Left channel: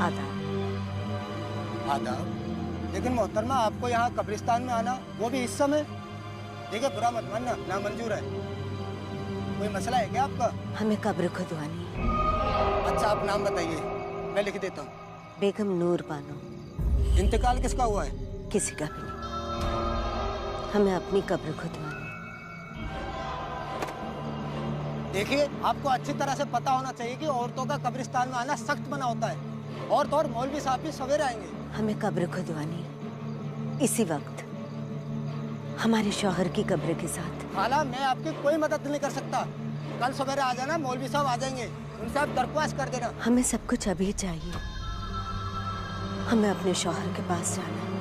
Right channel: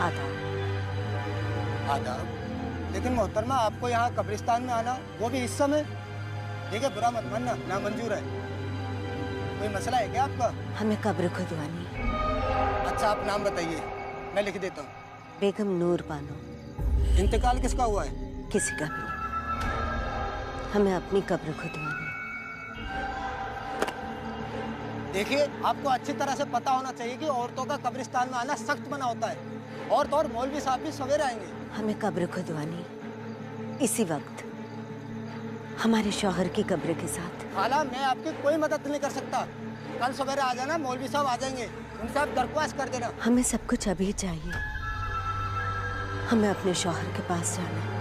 आदाब। आदाब। लेकिन मोहतरमा, आपको यहाँ कब्रिस्तान में आना, वो भी इस समय? देखिए, बुरा मत मानना, नामंजूर है। कोई मसला है क्या आपका? हमें कब्र खुदवानी है। अच्छा, आप नाम बताइए, मैं लिख देता हूँ। बेगम नूर बानो। इंतकाल किसका हुआ है? किसी का भी नहीं, हमें अपनी कब्र खुदवानी। देखिए, आपको अच्छी तरह से पता होना चाहिए कि औरतों का कब्रिस्तान में आना सख्त मना होता है। औरत और मौलवी साहब भी सवेरे आएंगे। हमें कब्र खुदवानी इसी वक्त, हमारे शौहर की कब्र के साथ। खाला, मैं आपकी कोई मदद नहीं कर सकता। कल सवेरे आ जाना, मौलवी साहब आ जाएंगे, उनसे आप दरख्वास्त कर देना। हमें सब कुछ अभी चाहिए, हमें अपने शौहर के पास जाना है।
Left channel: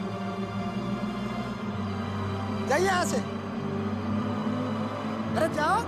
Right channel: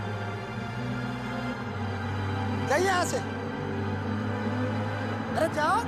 जाइए यहाँ से। अरे जाओ।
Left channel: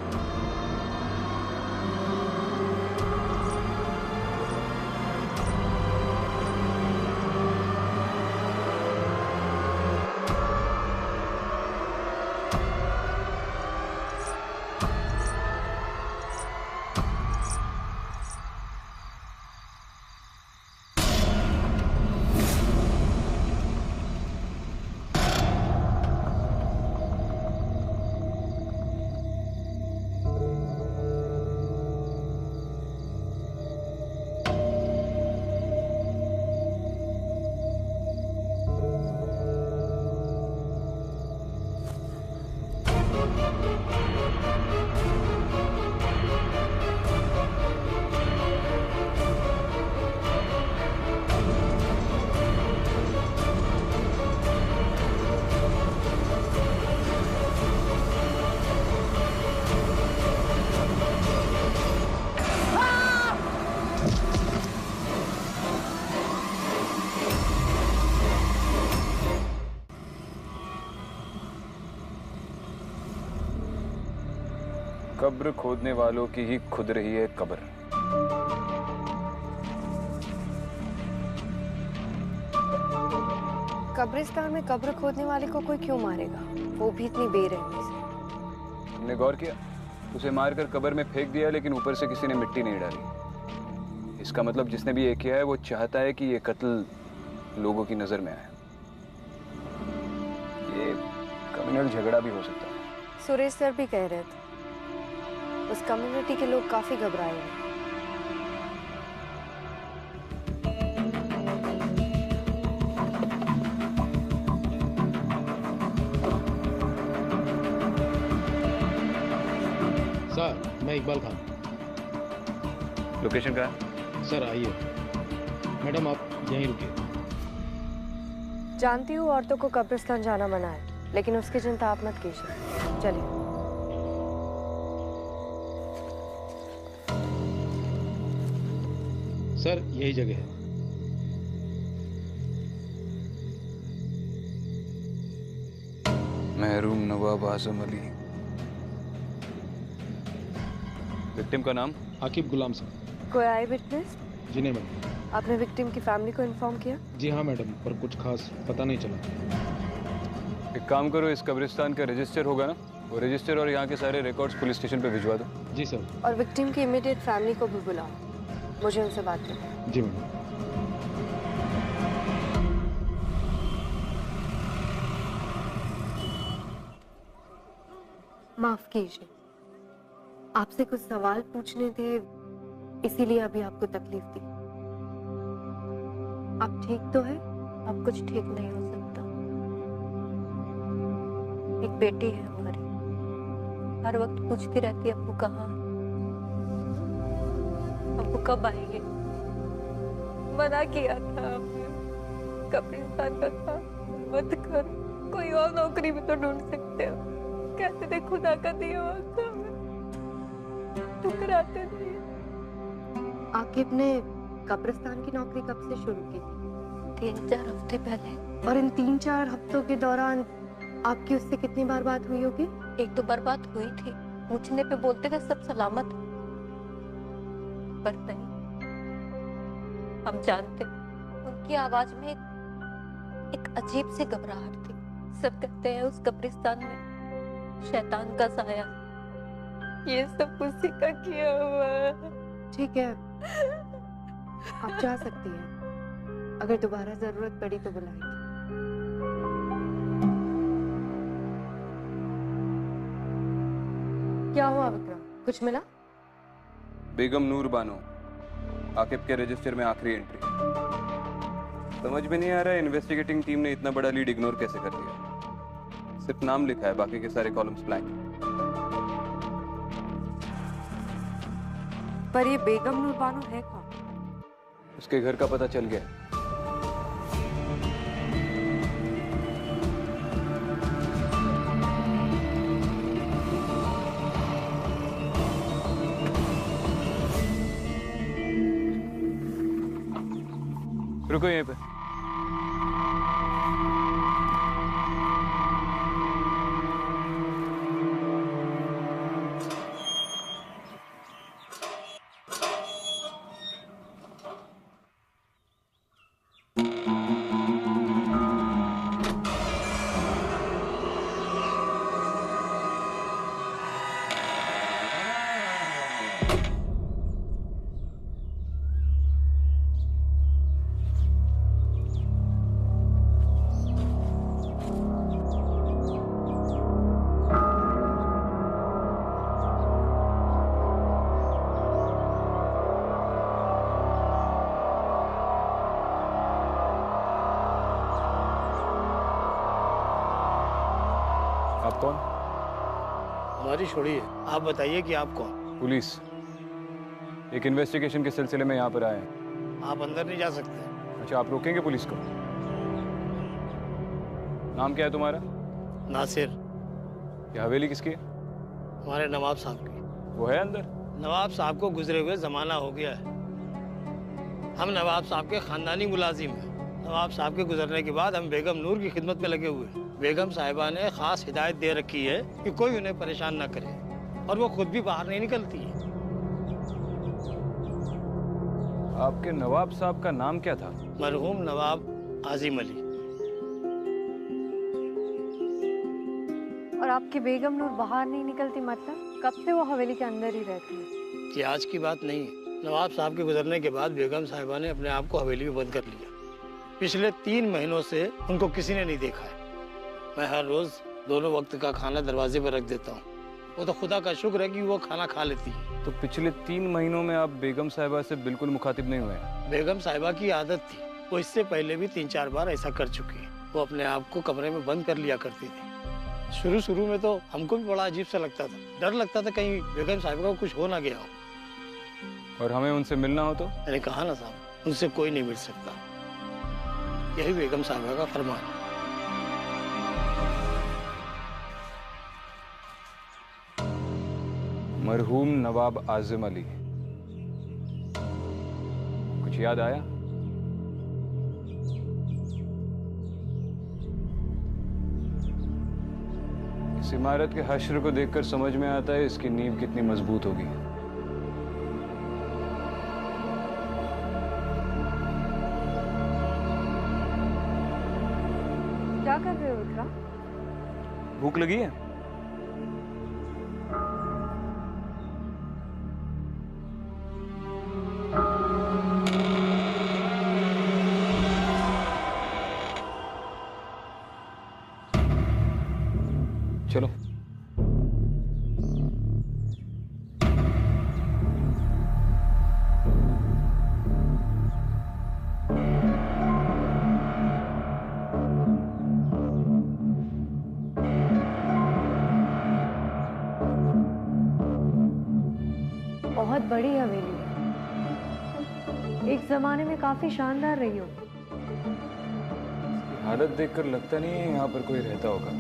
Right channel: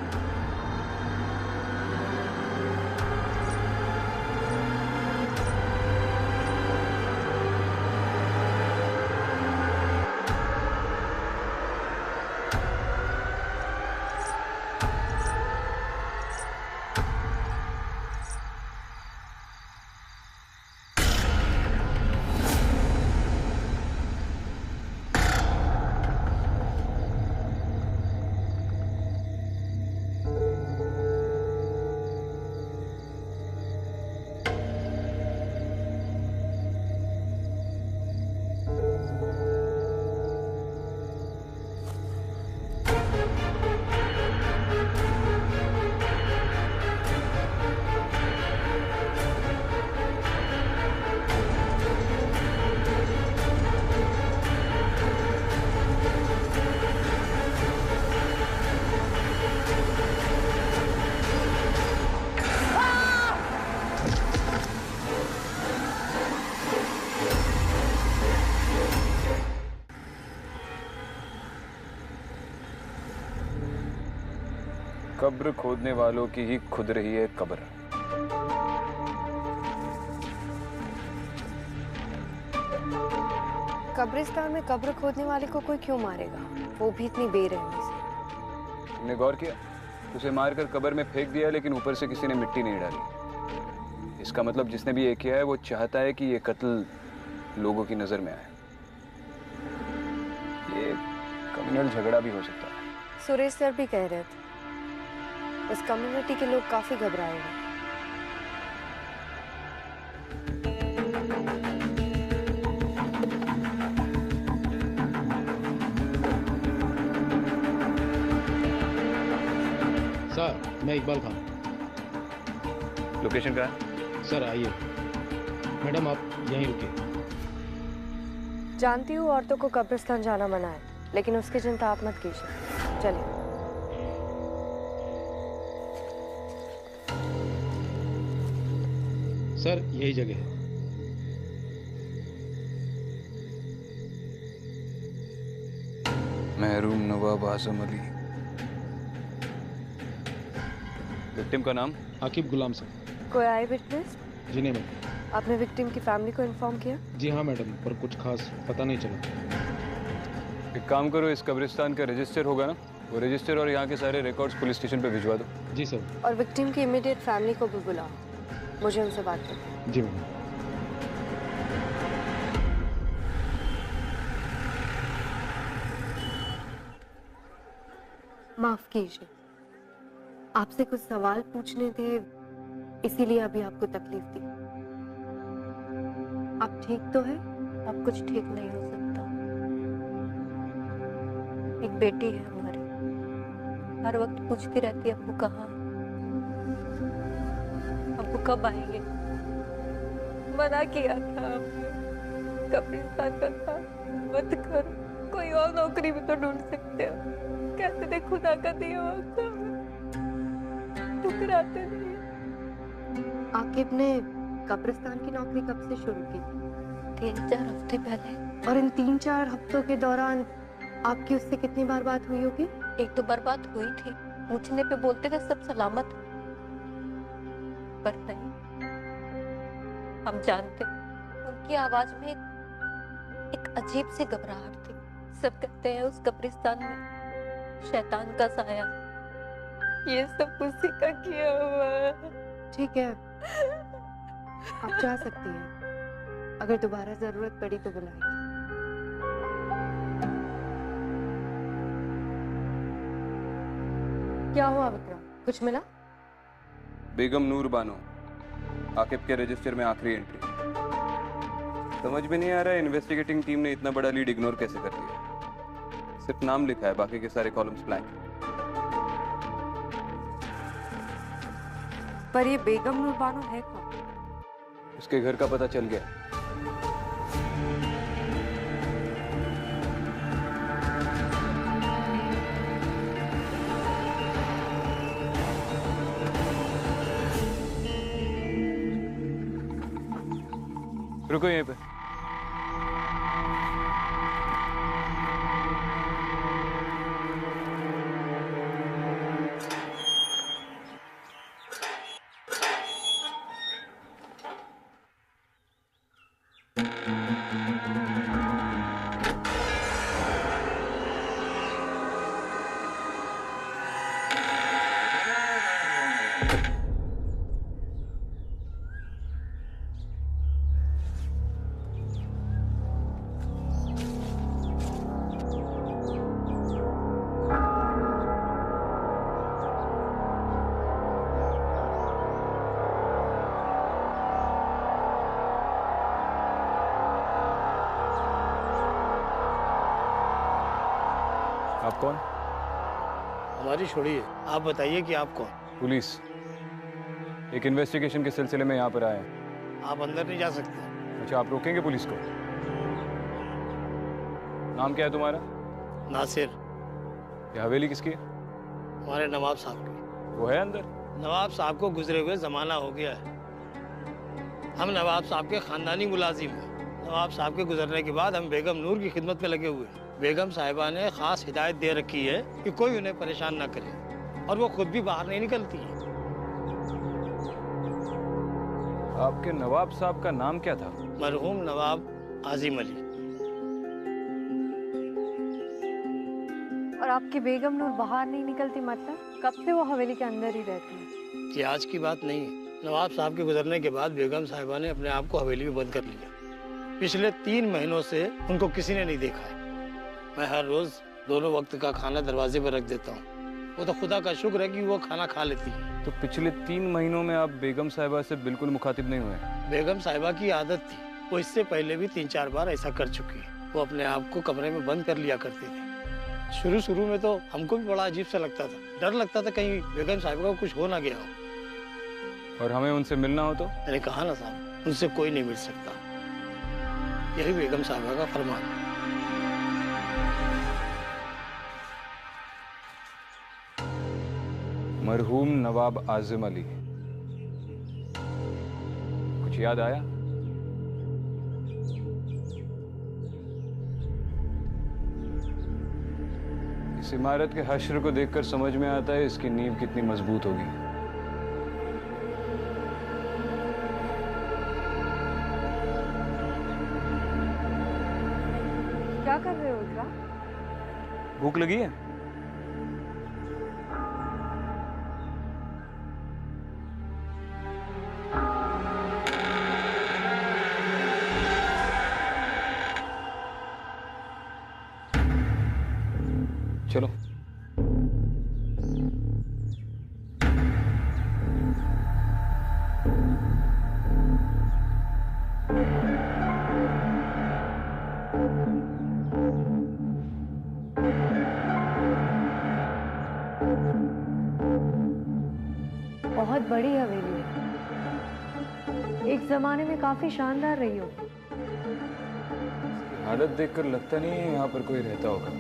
कब्र खोदने वालों की ही खुद रही है कब्र। कब्रिस्तान में कब्र खोदने वाले को कोई क्यों मारेगा, वो भी इतनी बेरहमी से। तुमने गौर किया? उसे मारकर कब्र में फेंक दिया, लेकिन ऊपर से किसी ने मिट्टी नहीं डाली। इसका मतलब जिसने भी ये किया है वो चाहता है कि ये कत्ल लोगों की नजर में आए। ये कम्युनल झगड़ा भी हो सकता है। सुरेश सर भी कह रहे थे उस कम्युनिटी के लोग काफी घबराए हुए। सर, मैं इकबाल खान। लोकेशन कहाँ है? सर आइए। मैडम आप यहीं रुकिए। जानती हूँ औरतों को कब्रिस्तान जाना मना है, लेकिन उसकी चिंता आप मत कीजिए। चलिए। सर यही जगह है। महरूम नवाब आजम अली। विक्टिम का नाम? आकिब गुलाम सर। कोई आई विटनेस? जी नहीं मैडम। आपने विक्टिम की फैमिली को इन्फॉर्म किया? जी हाँ मैडम, पर कुछ खास पता नहीं चला। एक काम करो, इस कब्रिस्तान का रजिस्टर होगा ना, वो रजिस्टर और यहाँ के सारे रिकॉर्ड्स पुलिस स्टेशन पे भिजवा दो। जी सर। और विक्टिम की इमीडिएट फैमिली को भी बुलाओ, मुझे उनसे बात करनी है। जी मैडम। माफ कीजिए, आपसे कुछ सवाल पूछने थे, इसीलिए अभी आपको तकलीफ दी। आप ठीक तो है? अब कुछ ठीक नहीं हो सकता। एक बेटी है हमारी, हर वक्त पूछती रहती है अब्बू कहाँ है, अब्बू कब आएंगे। मना किया था आपने, कब्रिस्तान का काम मत करो, कोई और नौकरी भी तो ढूंढ सकते हो। कहते थे खुदा का दिया हुआ काम है, ठुकराते नहीं। आकिब ने कब्रिस्तान की नौकरी कब से शुरू की थी? 3-4 हफ्ते पहले। और इन 3-4 हफ्तों के दौरान आपकी उससे कितनी बार बात हुई होगी? 1-2 बार बात हुई थी, पूछने पे बोलते थे सब सलामत, पर नहीं। हम जानते, उनकी आवाज में एक अजीब सी घबराहट थी। सब कहते हैं उस कब्रिस्तान में शैतान का साया। ये सब उसी का किया हुआ है। ठीक है, आप जा सकती हैं। अगर दोबारा जरूरत पड़ी तो बुलाएगी। क्या हुआ विक्रम, कुछ मिला? बेगम नूर बानो, आकिब के रजिस्टर में आखिरी एंट्री। समझ में नहीं आ रहा है इन्वेस्टिगेटिंग टीम ने इतना बड़ा लीड इग्नोर कैसे कर दिया। सिर्फ नाम लिखा है, बाकी के सारे कॉलम्स ब्लैंक। पर ये बेगम नूर बानो है कौन? उसके घर का पता चल गया। रुको यहीं पे। आप कौन? हमारी छोड़िए, आप बताइए कि आप कौन? पुलिस। एक इन्वेस्टिगेशन के सिलसिले में यहाँ पर आए हैं। आप अंदर नहीं जा सकते। अच्छा, आप रोकेंगे पुलिस को? नाम क्या है तुम्हारा? नासिर। ये हवेली किसकी है? हमारे नवाब साहब की। वो है अंदर? नवाब साहब को गुजरे हुए जमाना हो गया है। हम नवाब साहब के खानदानी मुलाजिम हैं। नवाब साहब के गुजरने के बाद हम बेगम नूर की खिदमत में लगे हुए हैं। बेगम साहिबा ने खास हिदायत दे रखी है कि कोई उन्हें परेशान ना करे, और वो खुद भी बाहर नहीं निकलती है। आपके नवाब साहब का नाम क्या था? मरहूम नवाब आजिम अली। और आपकी बेगम नूर बाहर नहीं निकलती, मतलब कब से वो हवेली के अंदर ही रहती है? ये आज की बात नहीं है। नवाब साहब के गुजरने के बाद बेगम साहिबा ने अपने आप को हवेली में बंद कर लिया। पिछले 3 महीनों से उनको किसी ने नहीं देखा है। मैं हर रोज दोनों वक्त का खाना दरवाजे पर रख देता हूँ। वो तो खुदा का शुक्र है कि वो खाना खा लेती है। तो पिछले 3 महीनों में आप बेगम साहिबा से बिल्कुल मुखातिब नहीं हुए? बेगम साहिबा की आदत थी, वो इससे पहले भी 3-4 बार ऐसा कर चुकी है। वो अपने आप को कमरे में बंद कर लिया करती थी। शुरू में तो हमको भी बड़ा अजीब सा लगता था। डर लगता था कहीं बेगम साहिबा को कुछ हो ना गया हो। और हमें उनसे मिलना हो तो? मैंने कहा ना साहब, उनसे कोई नहीं मिल सकता। यही बेगम साहिबा का फरमान है। मरहूम नवाब आजिम अली, कुछ याद आया? इस इमारत के हश्र को देखकर समझ में आता है इसकी नींव कितनी मजबूत होगी। क्या कर रहे हो इकरा? भूख लगी है? चलो। बहुत बड़ी हवेली है, एक जमाने में काफी शानदार रही होगी। इसकी हालत देखकर लगता नहीं है यहाँ पर कोई रहता होगा।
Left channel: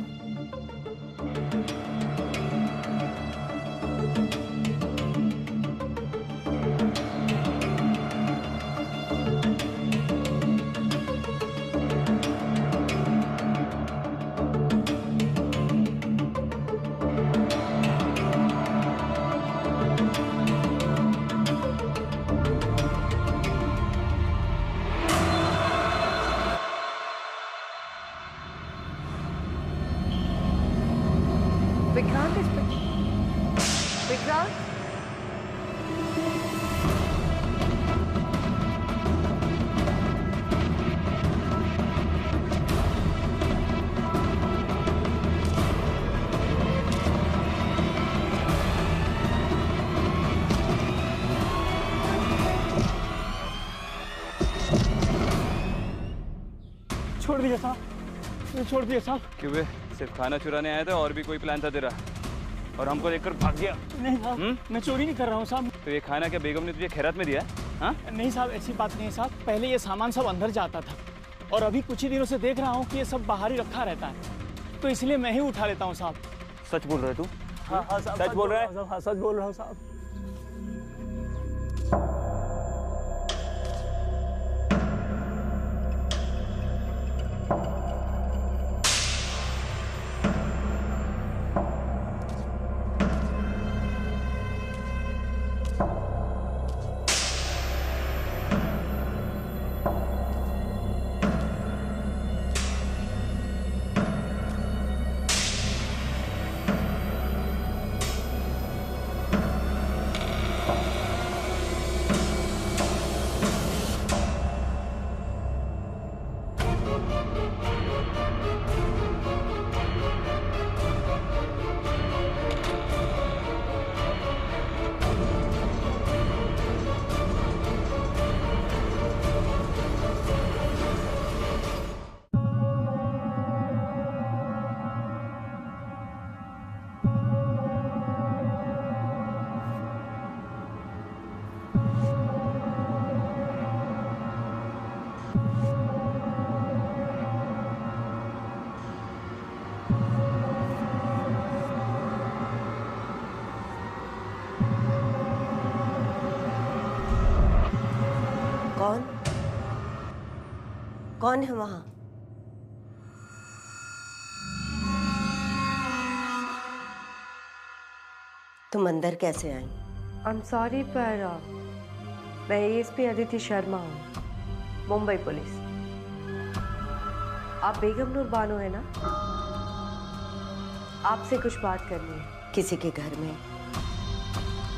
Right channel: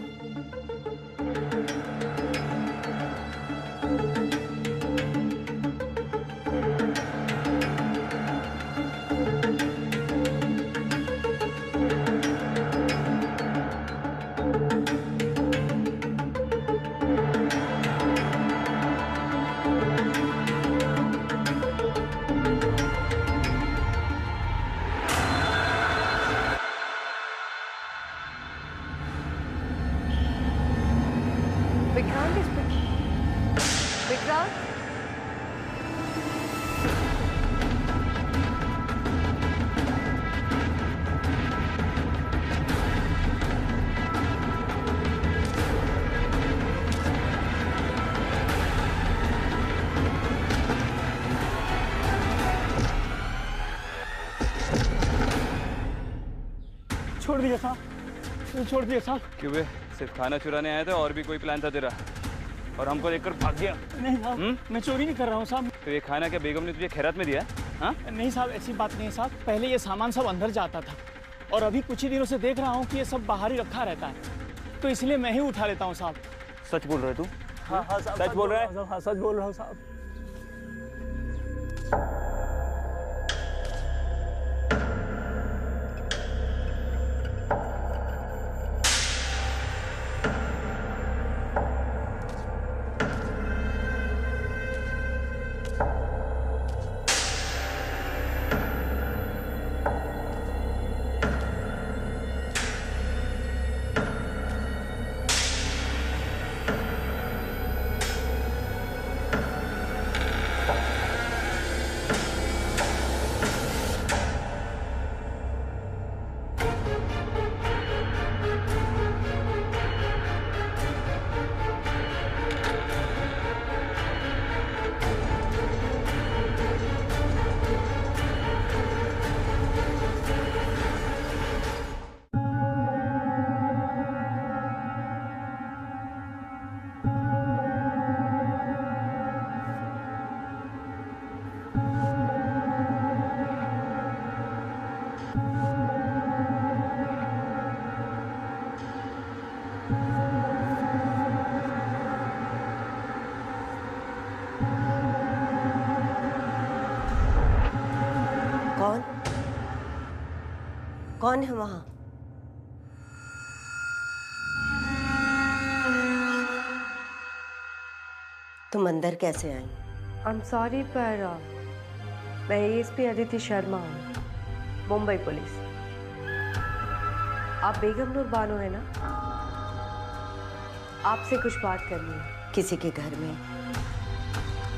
विक्रांत विक्रांत, छोड़ दिया साहब, मुझे छोड़ दिया साहब। क्यों बे, सिर्फ खाना चुराने आया था और भी कोई प्लान था तेरा? और हमको देखकर भाग गया? नहीं साहब, मैं चोरी नहीं कर रहा हूँ साहब। तो ये खाना क्या बेगम ने तुझे खैरात में दिया? हाँ? नहीं साहब, ऐसी बात नहीं है साहब। पहले ये सामान सब अंदर जाता था और अभी कुछ ही दिनों से देख रहा हूँ कि ये सब बाहर ही रखा रहता है, तो इसलिए मैं ही उठा लेता हूँ साहब। सच बोल रहे तू? हाँ हाँ साहब, सच बोल रहा है? हाँ सच बोल रहा हूँ साहब। कौन कौन है वहां? तुम अंदर कैसे आई? आई एम सॉरी पर मैं एएसपी अदिति शर्मा हूँ, मुंबई पुलिस। आप बेगम नूर बानो है ना? आपसे कुछ बात करनी है। किसी के घर में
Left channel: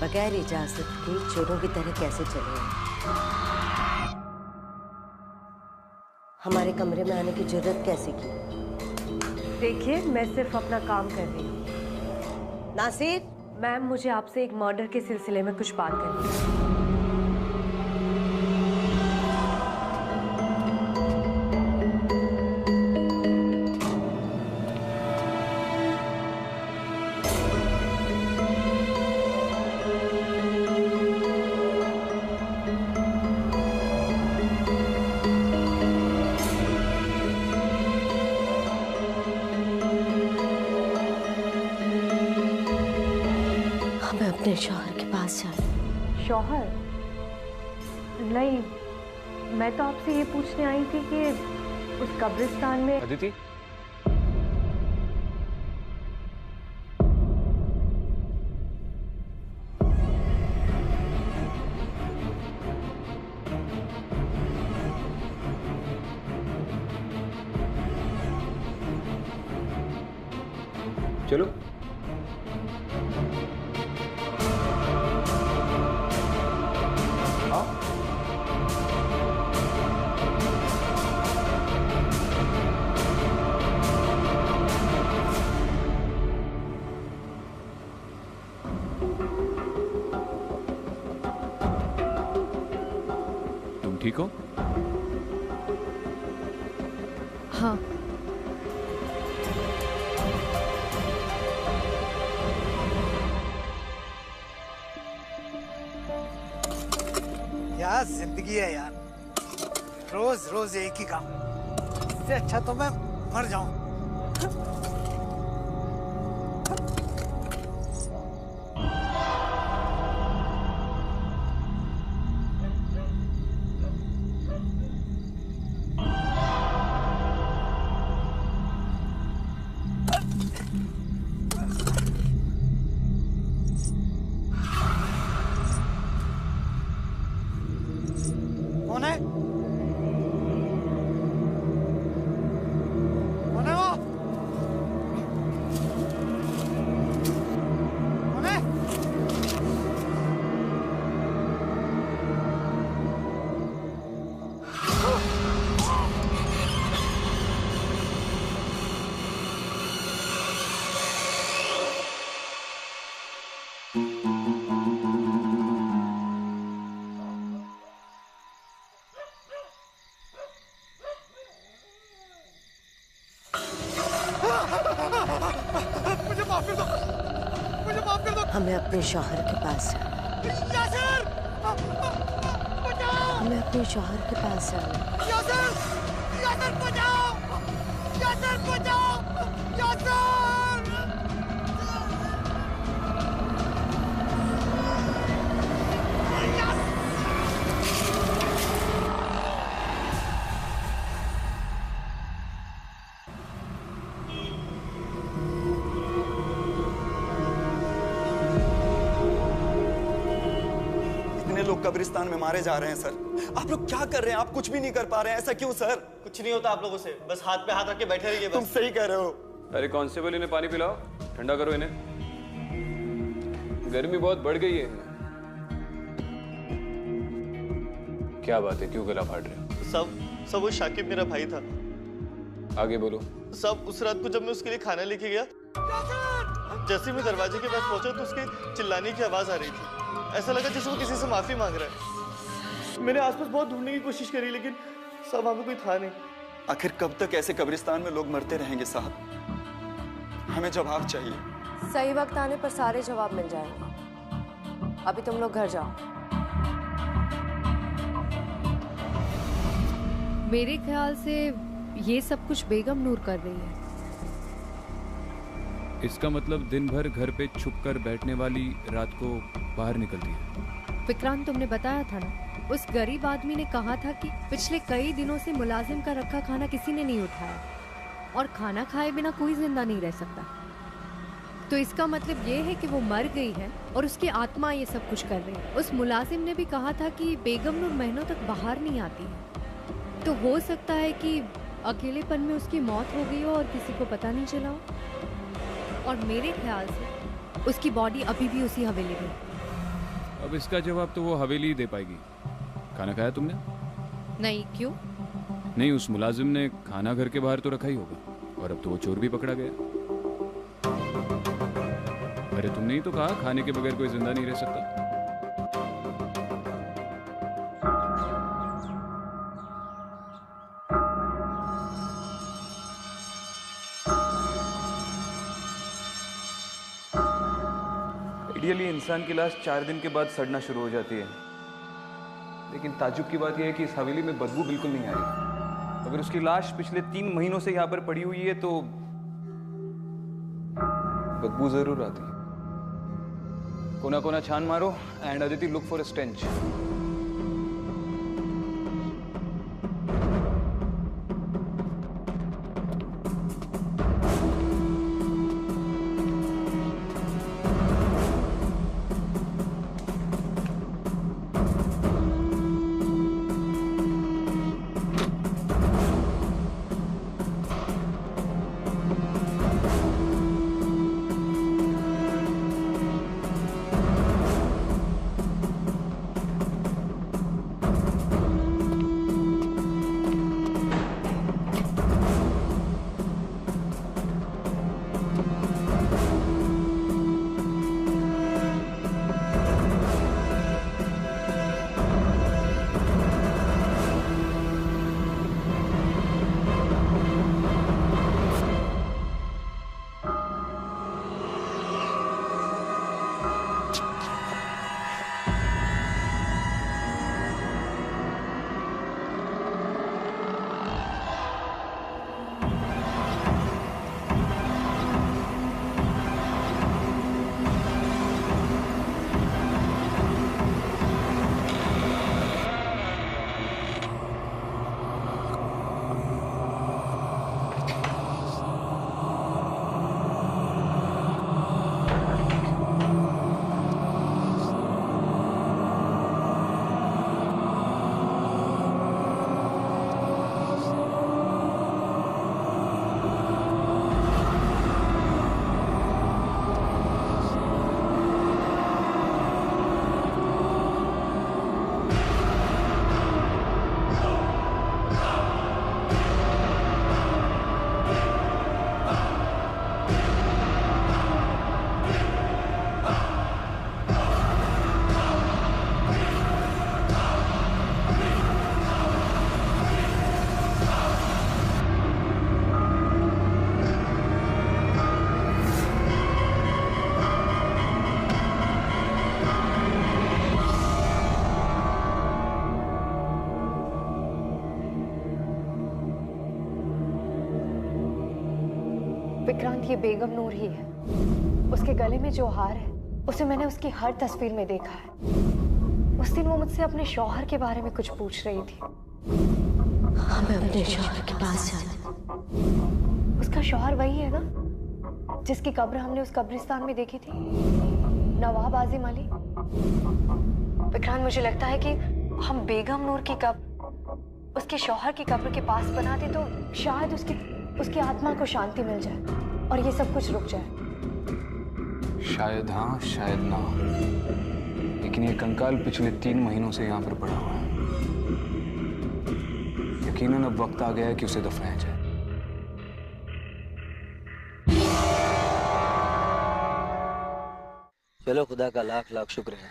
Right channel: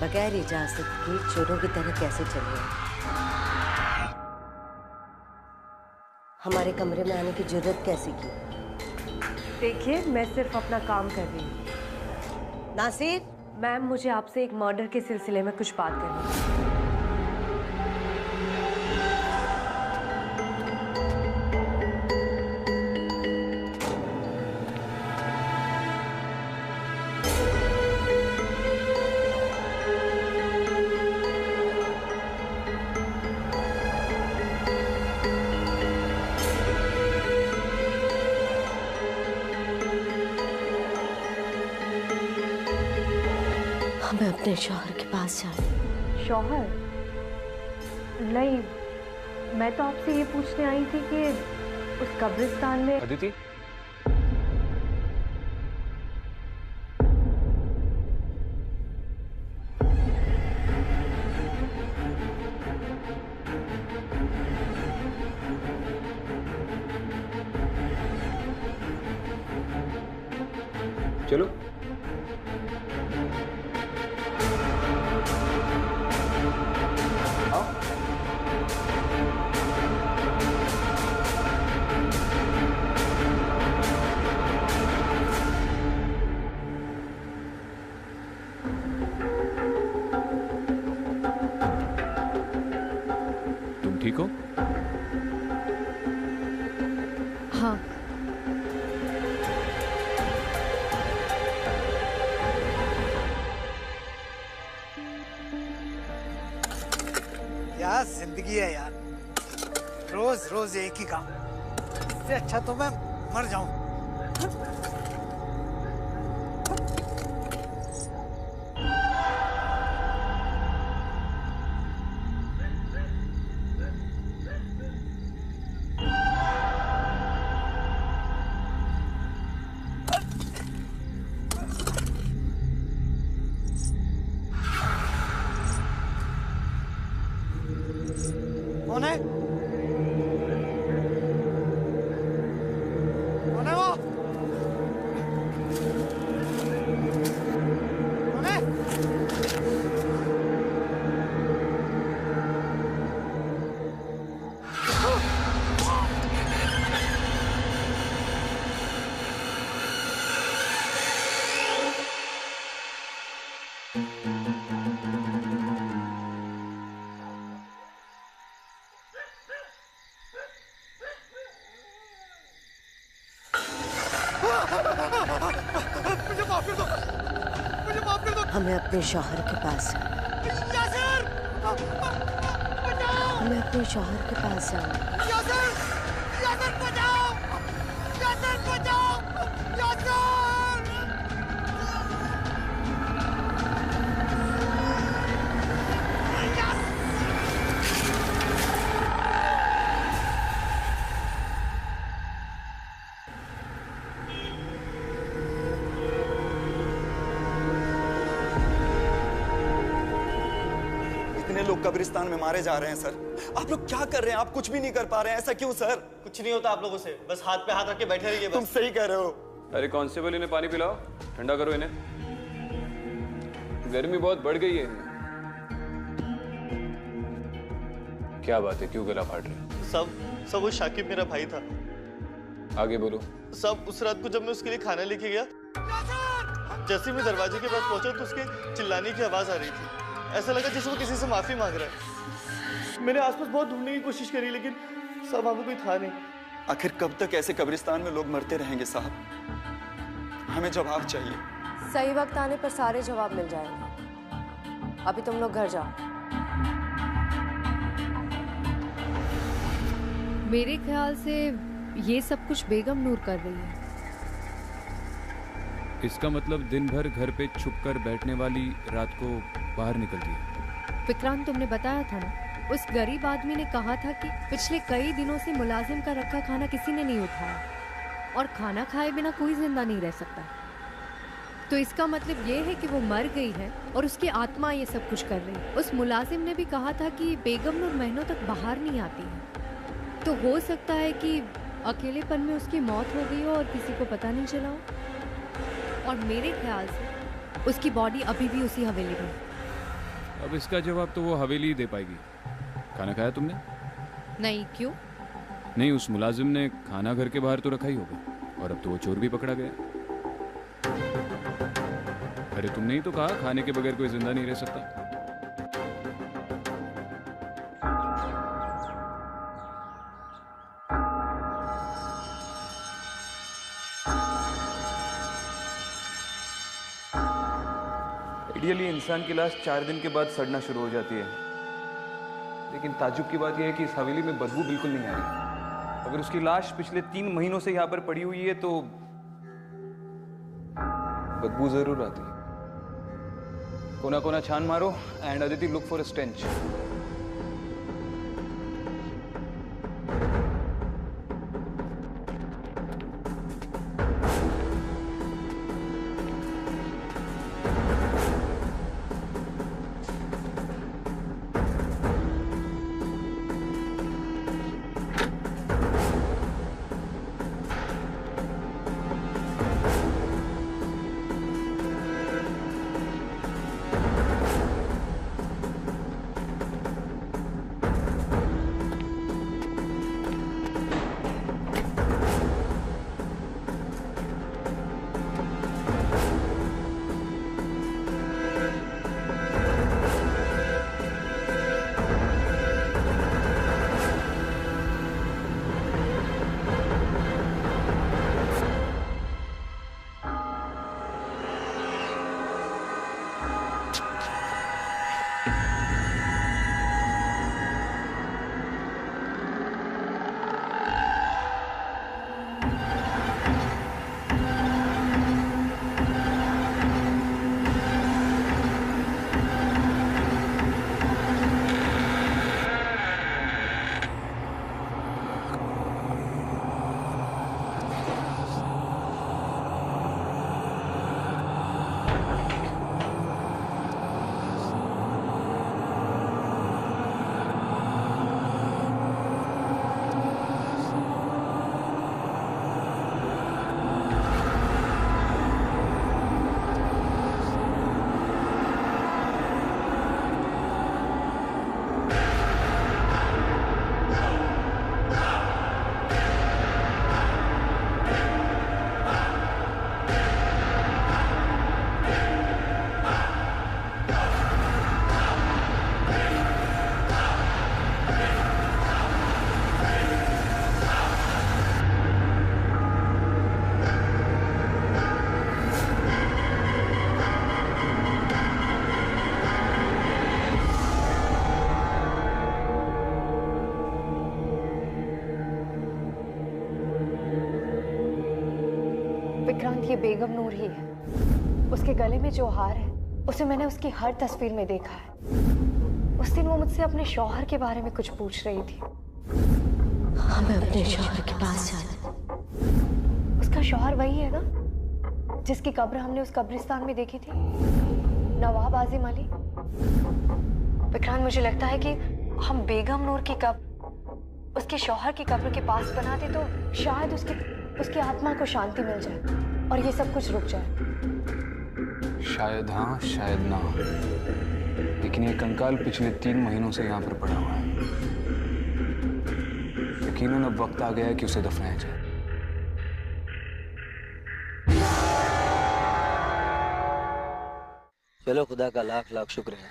बगैर इजाजत के चोरों की तरह कैसे चले आए? हमारे कमरे में आने की जरूरत कैसे की? देखिए, मैं सिर्फ अपना काम कर रही हूँ। नासिर, मैम, मुझे आपसे एक मर्डर के सिलसिले में कुछ बात करनी है। हमें अपने शौहर के पास जाना। शौहर? नहीं, मैं तो आपसे ये पूछने आई थी कि उस कब्रिस्तान में अदिति, चलो। आओ। तुम ठीक हो? हाँ। क्या जिंदगी है यार, रोज रोज एक ही काम। इससे अच्छा तो मैं मर जाऊं। कौन है? कौन है वो? मुझे माफ कर दो, मुझे माफ कर दो। हमें अपने शौहर के पास जाना। यासिर, बचाओ। हमें अपने शौहर के पास जाना। यासिर, यासिर बचाओ, यासिर बचाओ, यासिर। इतने लोग कब्रिस्तान में मारे जा रहे हैं सर। आप लोग क्या कर रहे हैं? आप कुछ भी नहीं कर पा रहे हैं, ऐसा क्यों सर? कुछ नहीं होता आप लोगों से, बस हाथ पे हाथ रख के बैठे रहिए बस। तुम सही कह रहे हो। अरे कांस्टेबल, इन्हें पानी पिलाओ, ठंडा करो इन्हें, गर्मी बहुत बढ़ गई है इनमें। क्या बात है, क्यों गला फाड़ रहे हो? सब वो शाकिब मेरा भाई था। आगे बोलो। सब उस रात को जब मैं उसके लिए खाना लेके गया, जैसे मैं दरवाजे के पास पहुंचा तो उसके चिल्लाने की आवाज आ रही थी। ऐसा लगा जैसे वो किसी से माफी मांग रहा है। मैंने आसपास बहुत ढूंढने की कोशिश करी लेकिन सब वहां पे कोई था नहीं। आखिर कब तक ऐसे कब्रिस्तान में लोग मरते रहेंगे साहब? हमें जवाब चाहिए। सही वक्त आने पर सारे जवाब मिल जाएंगे। अभी तुम लोग घर जाओ। मेरे ख्याल से ये सब कुछ बेगम नूर कर रही है। इसका मतलब दिन भर घर पे छुपकर बैठने वाली रात को बाहर निकलती है। विक्रांत, तुमने बताया था ना, उस गरीब आदमी ने कहा था कि पिछले कई दिनों से मुलाजिम का रखा खाना किसी ने नहीं उठाया और खाना खाए बिना कोई जिंदा नहीं रह सकता। तो इसका मतलब ये है कि वो मर गई है और उसकी आत्मा ये सब कुछ कर रही है। उस मुलाजिम ने भी कहा था कि बेगम नूर महीनों तक बाहर नहीं आती है, तो हो सकता है कि अकेलेपन में उसकी मौत हो गई हो और किसी को पता नहीं चला हो। और मेरे ख्याल से उसकी बॉडी अभी भी उसी हवेली में। अब इसका जवाब तो वो हवेली ही दे पाएगी। खाना खाया तुमने? नहीं, क्यों? नहीं, उस मुलाजिम ने खाना घर के बाहर तो रखा ही होगा और अब तो वो चोर भी पकड़ा गया। अरे तुमने ही तो कहा खाने के बगैर कोई जिंदा नहीं रह सकता। आइडियली इंसान की लाश 4 दिन के बाद सड़ना शुरू हो जाती है, लेकिन ताज्जुब की बात यह है कि इस हवेली में बदबू बिल्कुल नहीं आ रही। अगर उसकी लाश पिछले 3 महीनों से यहाँ पर पड़ी हुई है तो बदबू जरूर आती है। कोना कोना छान मारो and Aditi look for a stench. Vikrant, ये बेगम नूर ही है। उसके गले में जो हार है उसे मैंने उसकी हर तस्वीर में देखा है। उस दिन वो मुझसे अपने शौहर के बारे में कुछ पूछ रही थी। हमें अपने शौहर के पास जाना है। उसका शौहर वही है ना जिसकी कब्र हमने उस कब्रिस्तान में देखी थी, नवाब आजिम अली। विक्रांत, मुझे लगता है कि हम बेगम नूर की कब्र उसके शौहर की कब्र के पास बना दे तो शायद उसकी आत्मा को शांति मिल जाए और ये सब कुछ रुक जाए। शायद हाँ, शायद ना, लेकिन ये कंकाल पिछले 3 महीनों से यहाँ पर पड़ा हुआ है। यकीनन अब वक्त आ गया है कि उसे दफनाया जाए। चलो, खुदा का लाख लाख शुक्र है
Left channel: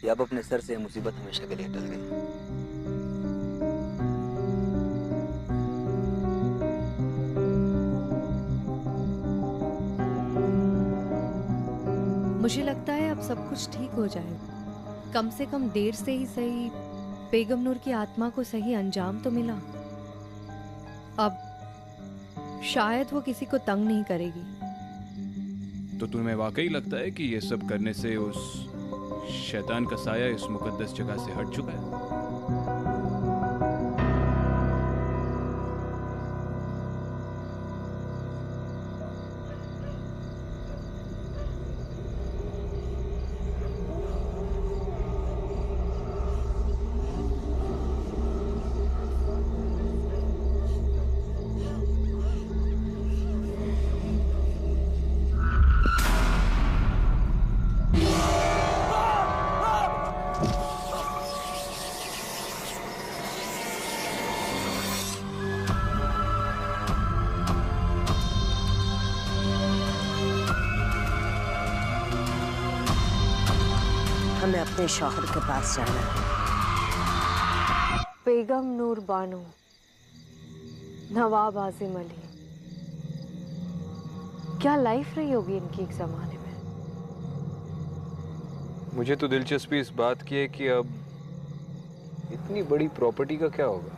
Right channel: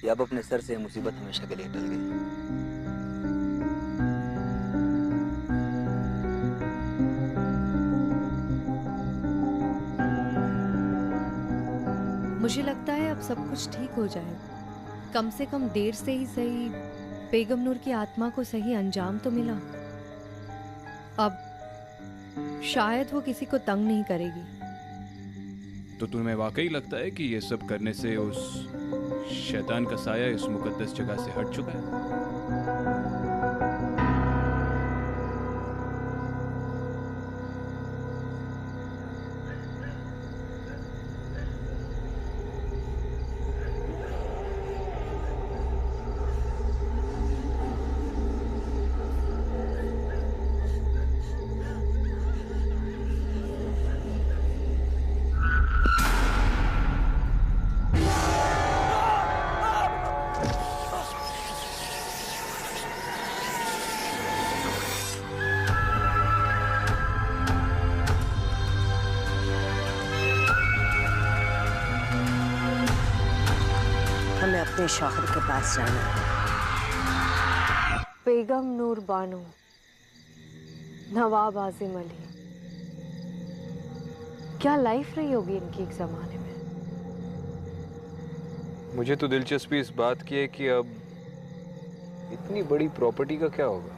कि अब अपने सर से मुसीबत हमेशा के लिए टल गई। मुझे लगता है अब सब कुछ ठीक हो जाए। कम से कम देर से ही सही बेगम नूर की आत्मा को सही अंजाम तो मिला। अब शायद वो किसी को तंग नहीं करेगी। तो तुम्हें वाकई लगता है कि ये सब करने से उस शैतान का साया इस मुकद्दस जगह से हट चुका है? हमें अपने शौहर के पास जाना है। बेगम नूर बानो, नवाब आजिम अली, क्या लाइफ रही होगी इनकी एक जमाने में। मुझे तो दिलचस्पी इस बात की है कि अब इतनी बड़ी प्रॉपर्टी का क्या होगा।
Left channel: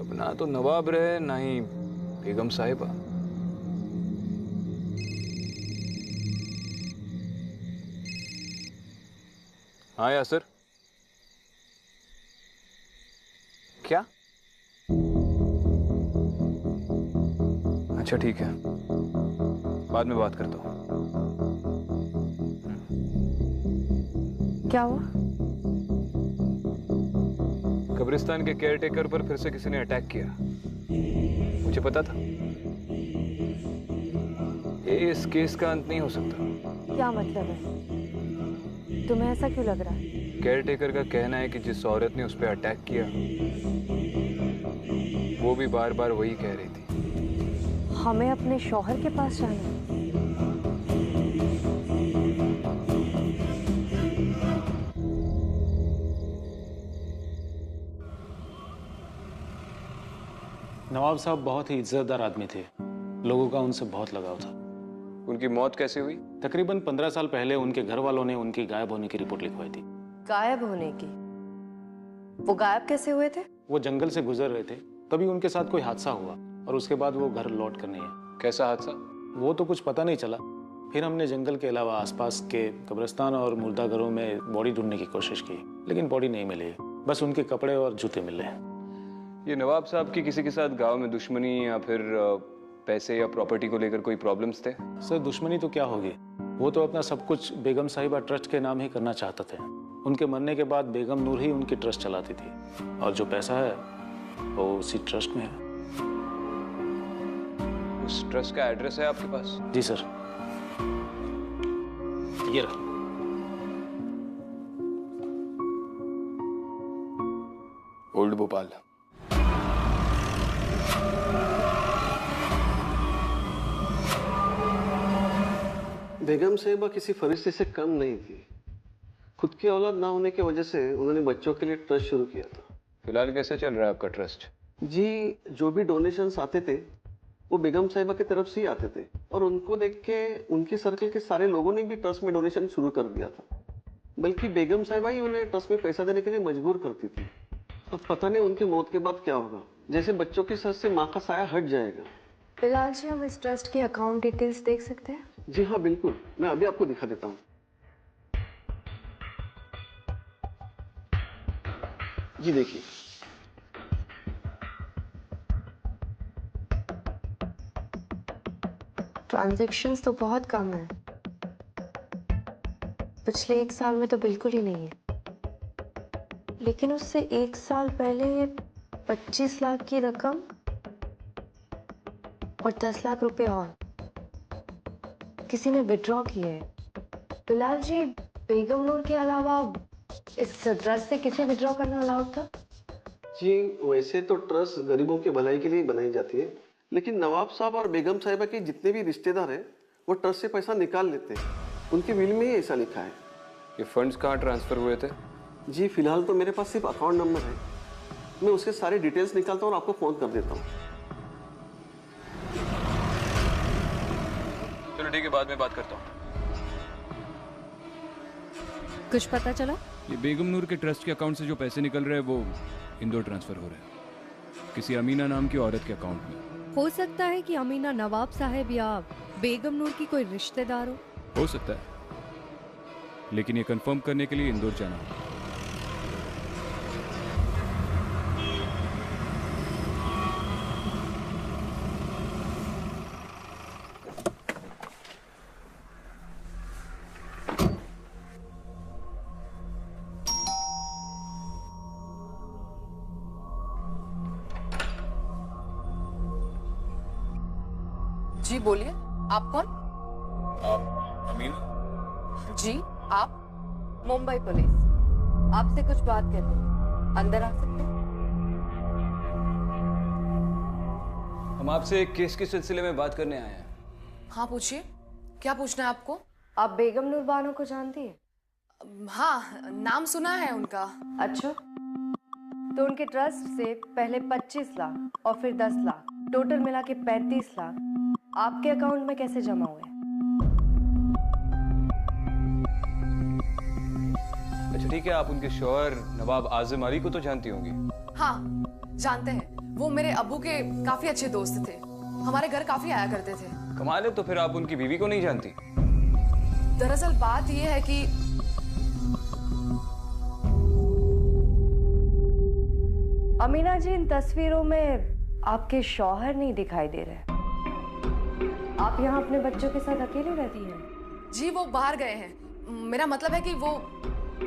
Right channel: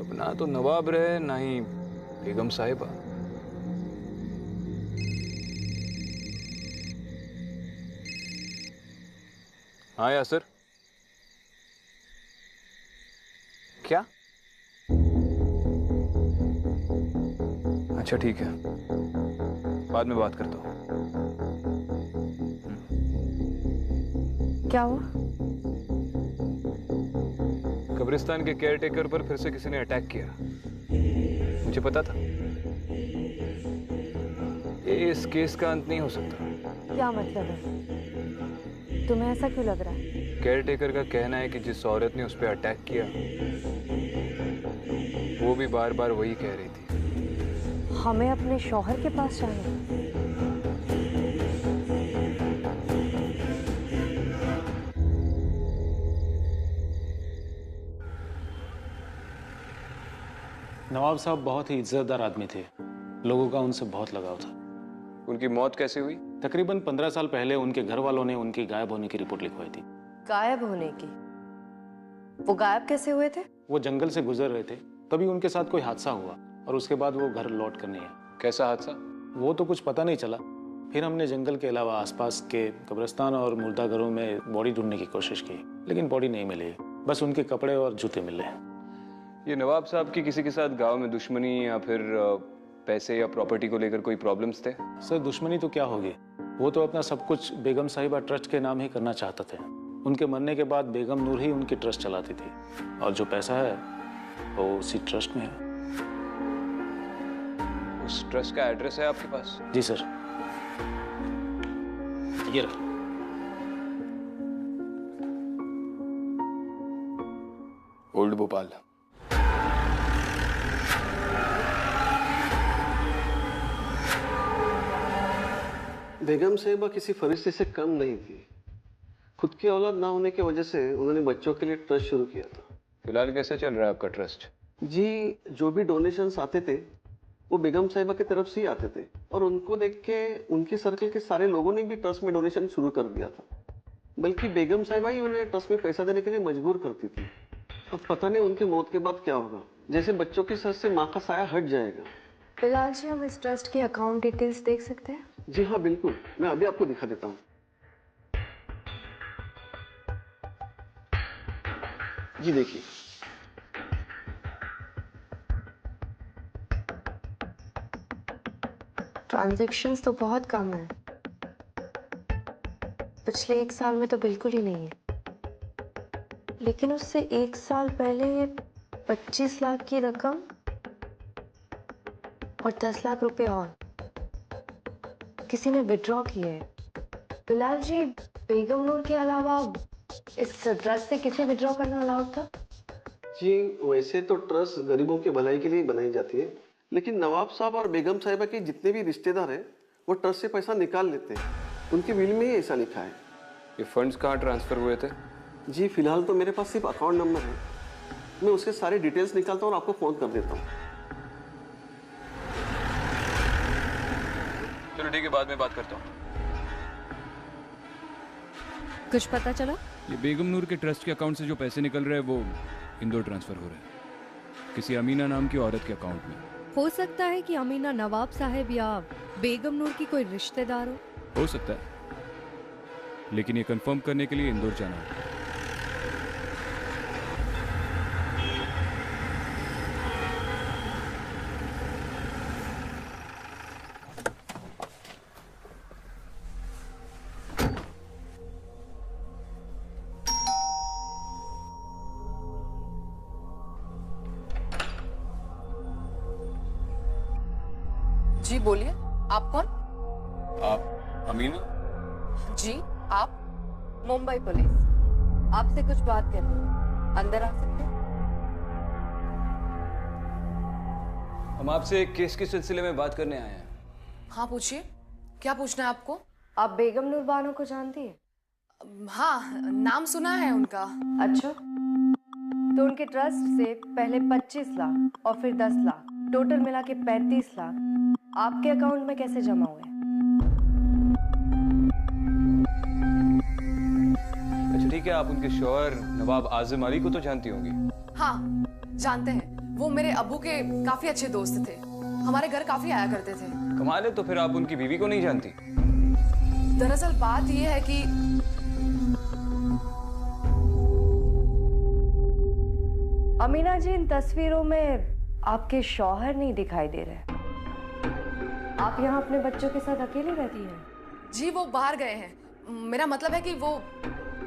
अब ना तो नवाब रहे ना ही बेगम साहिबा। हाँ यासर, क्या? अच्छा ठीक है, बाद में बात करता हूँ। क्या हुआ? कब्रिस्तान के केयरटेकर पर फिर से किसी ने अटैक किया। मुझे पता था ये इस केस का अंत नहीं हो सकता। क्या मतलब है? तुम्हें ऐसा क्यों लग रहा है? केयरटेकर का कहना है कि जिस औरत ने उस पर अटैक किया वो भी बार बार वही कह रही थी। हमें अपने शौहर के पास जाना है। नवाब साहब बहुत ही इज्जतदार आदमी थे। लोगों का उनसे बहुत लगाव था। उनकी मौत कैसे हुई? तकरीबन 15 साल पहले उनके घर वालों ने उनकी गायब होने की रिपोर्ट लिखवाई थी। गायब होने की? वो गायब कैसे हुए थे? वो जंगल से गुजर रहे थे, तभी उनके साथ कोई हादसा हुआ और उसके बाद वो घर लौट कर नहीं आए। कैसा हादसा? वो तो कुछ पता नहीं चला। फिर हमने जंगल के अलावा आसपास के कब्रिस्तान और मुर्दाघरों में बॉडी ढूंढने की कोशिश की, लेकिन बॉडी नहीं मिली। बस उनके कपड़े और जूते मिले। ये नवाब साहब की किसी के साथ गांव में दुश्मनी या फिर पैसे या प्रॉपर्टी को लेकर कोई प्रॉब्लम्स थे? सर, दुश्मनी तो क्या होगी, वो तो अपना सब कुछ बेगम साहिबा ट्रस्ट के नाम ही करना चाहते थे। उनके मरने के बाद बेगम नूर ही उनकी ट्रस्ट चलाती थी और जो पैसा है वो उसी ट्रस्ट में है। उस ट्रस्ट का एड्रेस है आपके पास? जी सर, ये रहा। ओल्ड भोपाल। बेगम साहिबा किसी फरिश्ते से कम नहीं थी। खुद की औलाद ना होने की वजह से उन्होंने बच्चों के लिए ट्रस्ट शुरू किया था। फिलहाल कैसे चल रहा है आपका ट्रस्ट? जी, जो भी डोनेशंस आते थे वो बेगम साहिबा की तरफ से ही आते थे और उनको देख के उनके सर्कल के सारे लोगों ने भी ट्रस्ट में डोनेशन शुरू कर दिया था। बल्कि बेगम साहिबा ही उन्हें ट्रस्ट में पैसा देने के लिए मजबूर करती थी। अब पता नहीं उनकी मौत के बाद क्या होगा। जैसे बच्चों के सर से माँ का साया हट जाएगा बिलाल जी, हम इस ट्रस्ट के अकाउंट डिटेल्स देख सकते हैं? जी हाँ बिल्कुल, मैं अभी आपको दिखा देता हूँ। जी देखिए, ट्रांजैक्शंस तो बहुत कम है, पिछले 1 साल में तो बिल्कुल ही नहीं है। लेकिन उससे 1 साल पहले 25 लाख की रकम और 10 लाख रुपए और किसी ने विड्रॉ किए हैं। बिलाल जी, बेगम नूर के अलावा इस ट्रस्ट से किसे विड्रॉ करना अलाउड था? जी वैसे तो ट्रस्ट गरीबों की भलाई के लिए बनाई जाती है, लेकिन नवाब साहब और बेगम साहिबा के जितने भी रिश्तेदार हैं वो ट्रस्ट से पैसा निकाल लेते हैं। उनके विल में ही ऐसा लिखा है। ये फंड्स कहाँ ट्रांसफर हुए थे? जी फिलहाल तो मेरे पास सिर्फ अकाउंट नंबर है, मैं उसके सारे डिटेल्स निकालता हूँ और आपको फोन कर देता हूँ। चलो ठीक है, बाद में बात करता हूँ। कुछ पता चला? ये बेगम नूर के ट्रस्ट के अकाउंट से जो पैसे निकल रहे हैं वो इंदौर ट्रांसफर हो रहे हैं किसी अमीना नाम की औरत के अकाउंट में। हो सकता है कि अमीना नवाब साहब या बेगम नूर की कोई रिश्तेदार हो सकता है, लेकिन ये कंफर्म करने के लिए इंदौर जाना होगा। जी बोलिए, आप कौन? आप अमीना? जी आप? मुंबई पुलिस, आपसे कुछ बात करनी है, अंदर आ सकते हैं? हम आपसे एक केस के सिलसिले में बात करने आए हैं। हाँ पूछिए, क्या पूछना है आपको? आप बेगम नूर बानो को जानती है? हाँ, नाम सुना है उनका। अच्छा, तो उनके ट्रस्ट से पहले 25 लाख और फिर 10 लाख, टोटल मिला के 35 लाख आपके अकाउंट में कैसे जमा हुए? अच्छा ठीक है, आप उनके शौहर नवाब आजिम अली को तो जानती होंगी? हाँ जानते हैं, वो मेरे अब्बू के काफी अच्छे दोस्त थे, हमारे घर काफी आया करते थे। कमाल है, तो फिर आप उनकी बीवी को नहीं जानती? दरअसल बात यह है कि अमीना जी, इन तस्वीरों में आपके शौहर नहीं दिखाई दे रहे। आप यहाँ अपने बच्चों के साथ अकेले रहती हैं? जी वो बाहर गए हैं, मेरा मतलब है कि वो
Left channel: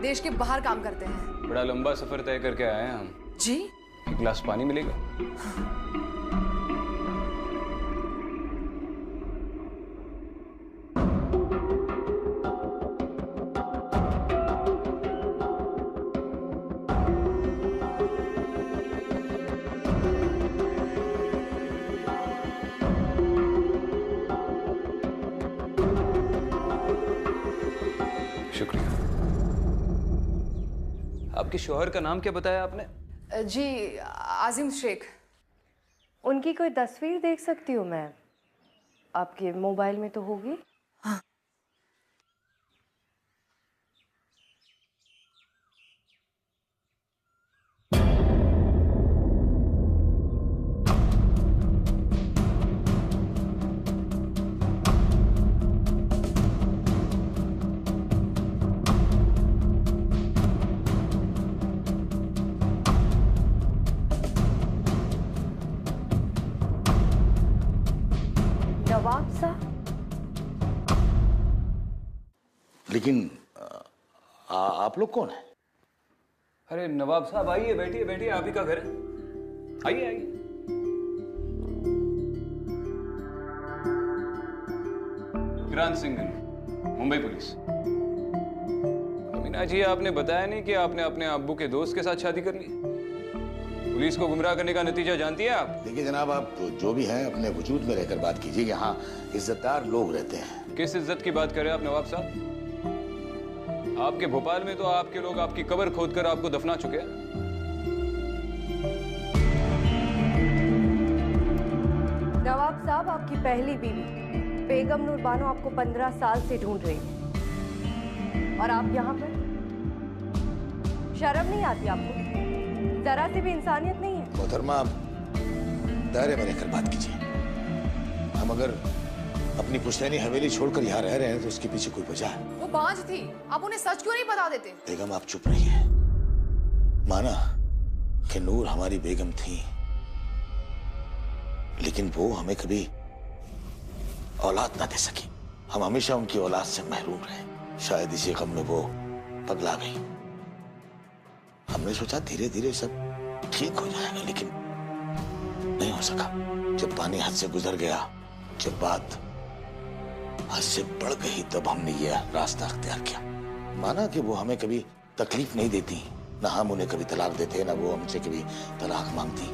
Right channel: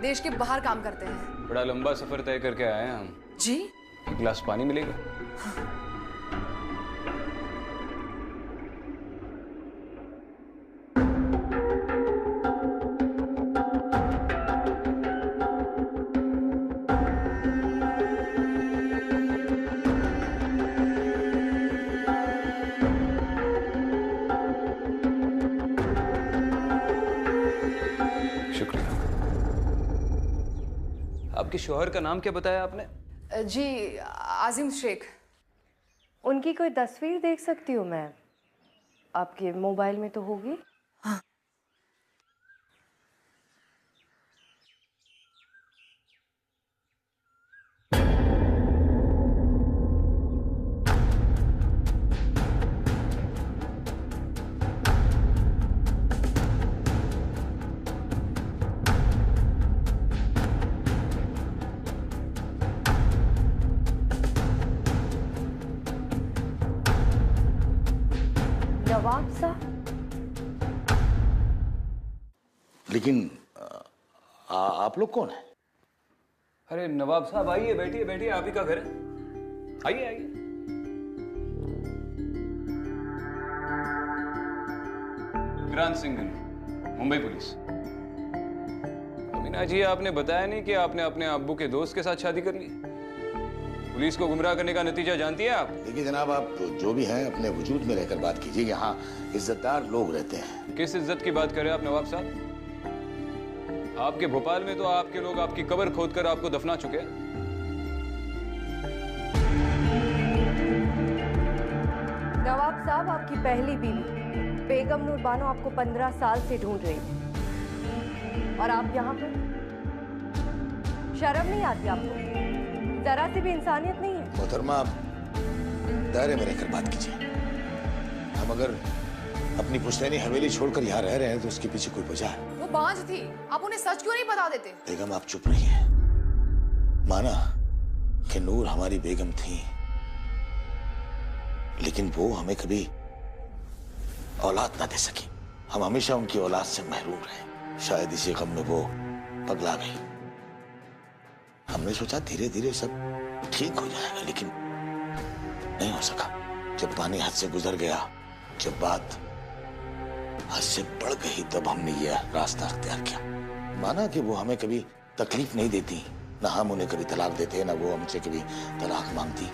देश के बाहर काम करते हैं। बड़ा लंबा सफर तय करके आए हैं हम। जी? एक गिलास पानी मिलेगा? शुक्रिया। आपके शौहर का नाम क्या बताया आपने? जी आजिम शेख। उनकी कोई तस्वीर देख सकती हूँ मैं? आपके मोबाइल में तो होगी। हाँ। नवाब साहब? लेकिन आप लोग कौन हैं? अरे नवाब साहब आइए, बैठिए बैठिए, आप ही का घर है, आइए आइए। विक्रांत सिंघल, मुंबई पुलिस। अमीना जी, आपने बताया नहीं कि आपने अपने अब्बू के दोस्त के साथ शादी कर ली। पुलिस को गुमराह करने का नतीजा जानती है आप? देखिए जनाब, आप जो भी हैं अपने वजूद में रहकर बात कीजिए। यहाँ इज्जतदार लोग रहते हैं। किस इज्जत की बात कर रहे हैं आप नवाब साहब? आपके भोपाल में तो आपके लोग आपकी कब्र खोदकर आपको दफना चुके हैं। नवाब साहब, आपकी पहली बीवी बेगम नूर बानो आपको 15 साल से ढूंढ रही है और आप यहाँ पर? शर्म नहीं आती आपको? जरा सी भी इंसानियत नहीं है? मोहतरमा, दायरे में रहकर बात कीजिए। हम अगर अपनी पुश्तैनी हवेली छोड़कर यहाँ रह रहे हैं तो उसके पीछे कोई वजह है। वो बांझ थी, आप उन्हें सच क्यों नहीं बता देते? बेगम आप चुप रहिए। माना कि नूर हमारी बेगम थी, लेकिन वो हमें कभी औलाद ना दे सकी। हम हमेशा उनकी औलाद से महरूम रहे। शायद इसी गम में वो पगला गई। हमने सोचा धीरे धीरे सब ठीक हो जाएगा, लेकिन नहीं हो सका। जब पानी हद से गुजर गया, जब बात हद से बढ़ गई, तब हमने यह रास्ता अख्तियार किया। माना कि वो हमें कभी तकलीफ नहीं देती, ना हम उन्हें कभी तलाक देते, ना वो हमसे कभी तलाक मांगती।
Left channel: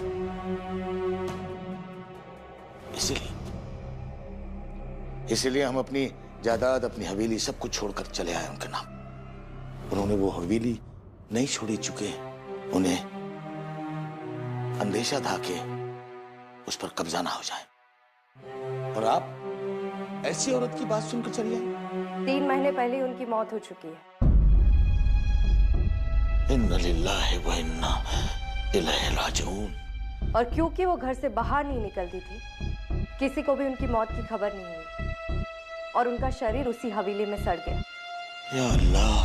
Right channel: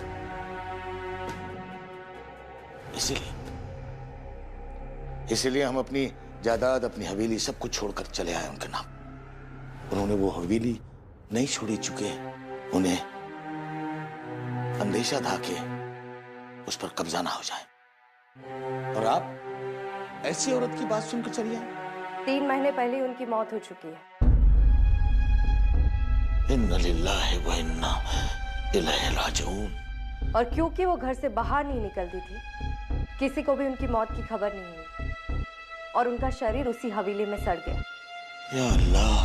इसीलिए हम अपनी जायदाद, अपनी हवेली सब कुछ छोड़कर चले आए उनके नाम। उन्होंने वो हवेली नहीं छोड़ी, चुके उन्हें अंदेशा था कि उस पर कब्जा ना हो जाए। और आप ऐसी औरत की बात सुनकर चली आई? 3 महीने पहले ही उनकी मौत हो चुकी है। इन्ना लिल्लाहि व इन्ना इलैहि राजिऊन। और क्योंकि वो घर से बाहर नहीं निकलती थी, किसी को भी उनकी मौत की खबर नहीं हुई और उनका शरीर उसी हवेली में सड़ गया। या अल्लाह,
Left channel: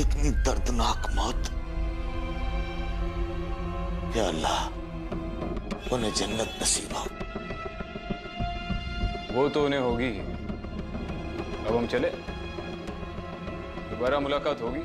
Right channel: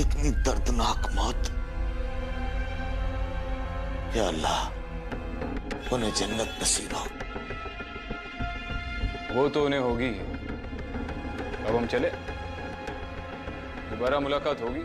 इतनी दर्दनाक मौत। या अल्लाह, उन्हें जन्नत नसीब हो। वो तो उन्हें होगी। अब हम चले, दोबारा मुलाकात होगी।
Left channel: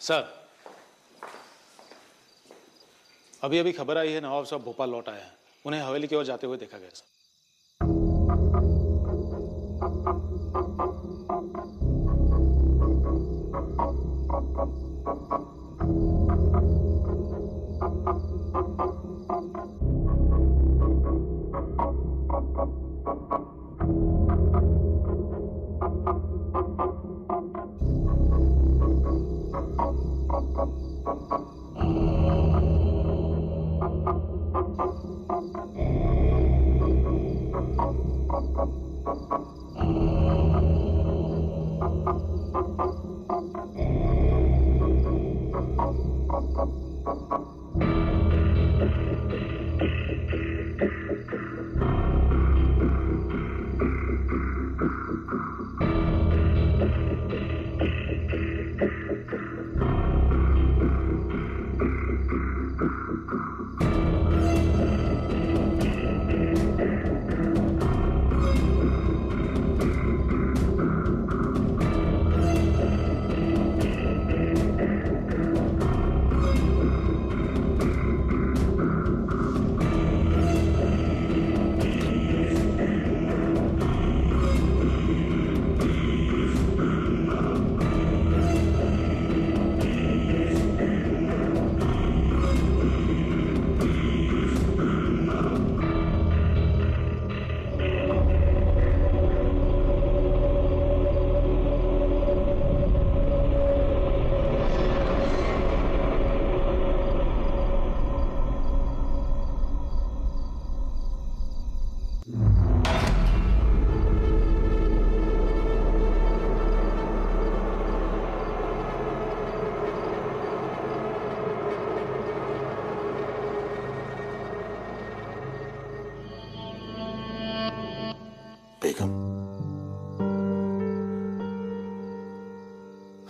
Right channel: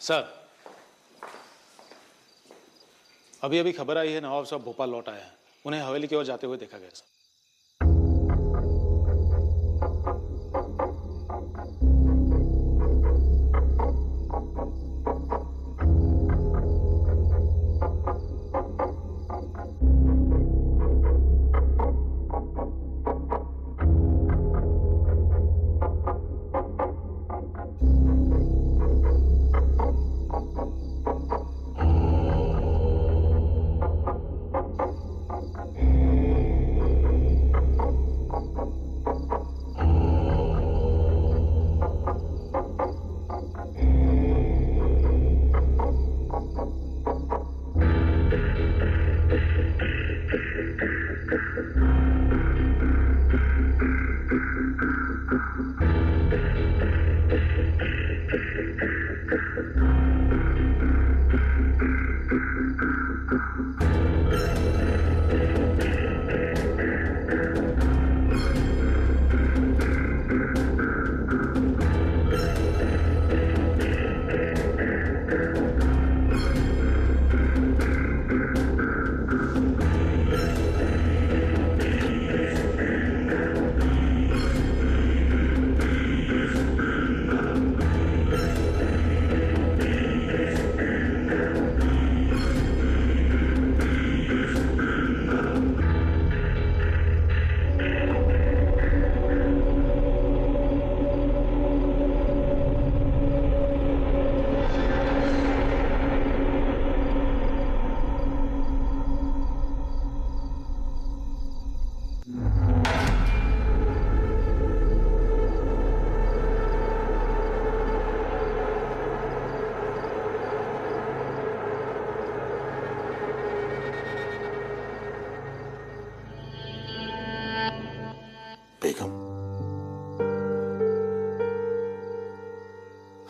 सर, अभी अभी खबर आई है नवाब साहब भोपाल लौट आए हैं। उन्हें हवेली की ओर जाते हुए देखा गया सर।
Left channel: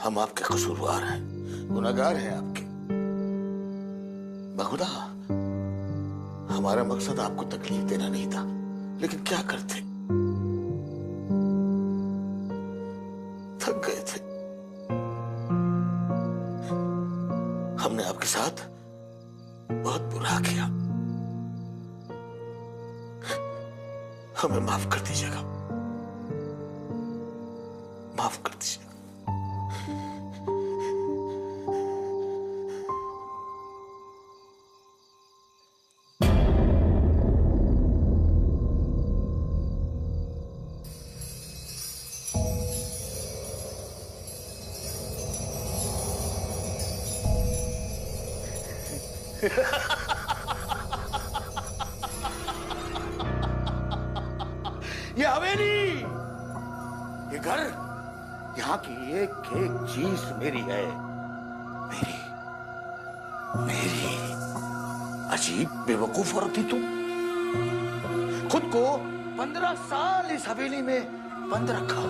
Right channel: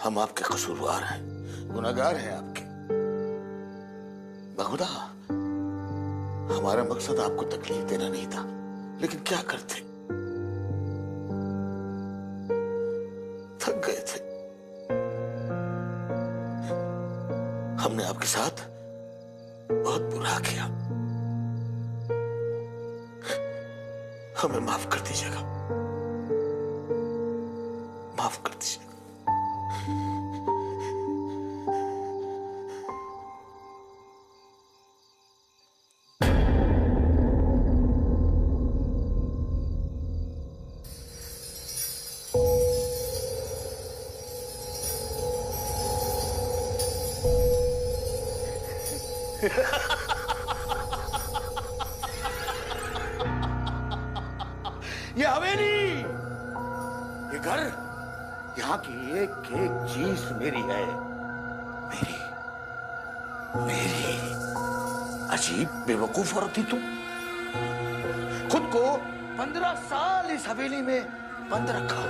हम आपके कसूरवार हैं, गुनहगार हैं आपके। बहुधा हमारा मकसद आपको तकलीफ देना नहीं था, लेकिन क्या करते, थक गए थे। हमने आपके साथ बहुत बुरा किया, हमें माफ कर दीजिएगा, माफ कर दीजिएगा। ये हवेली, ये घर, यहाँ की एक एक चीज मेरी है, मेरी मेरी। अजीब बेवकूफ औरत थी तुम, खुद को 15 साल इस हवेली में बंद रखा।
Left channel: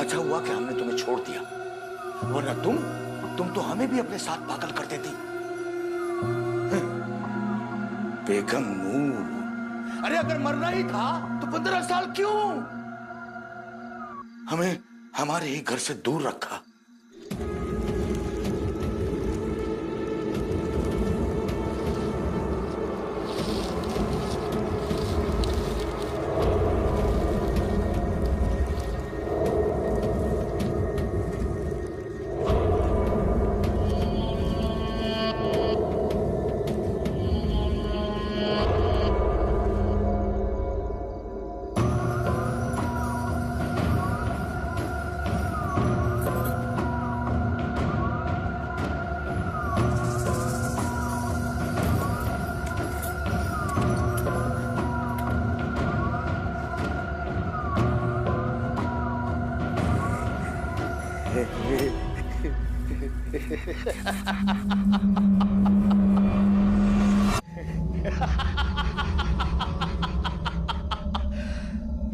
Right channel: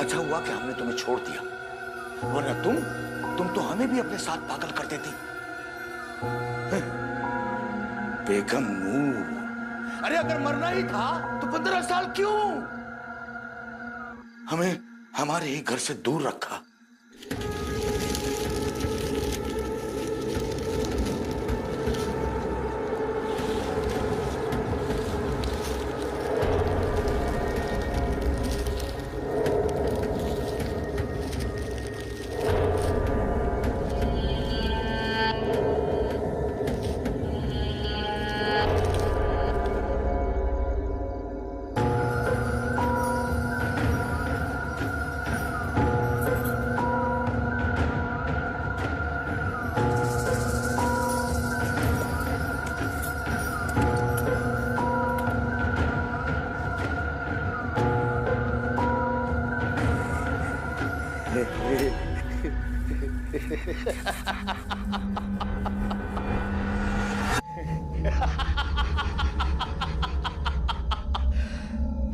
अच्छा हुआ कि हमने तुम्हें छोड़ दिया, वरना तुम तो हमें भी अपने साथ पागल कर देती। बेगम नूर, अरे अगर मरना ही था तो 15 साल क्यों? हमें हमारे ही घर से दूर रखा।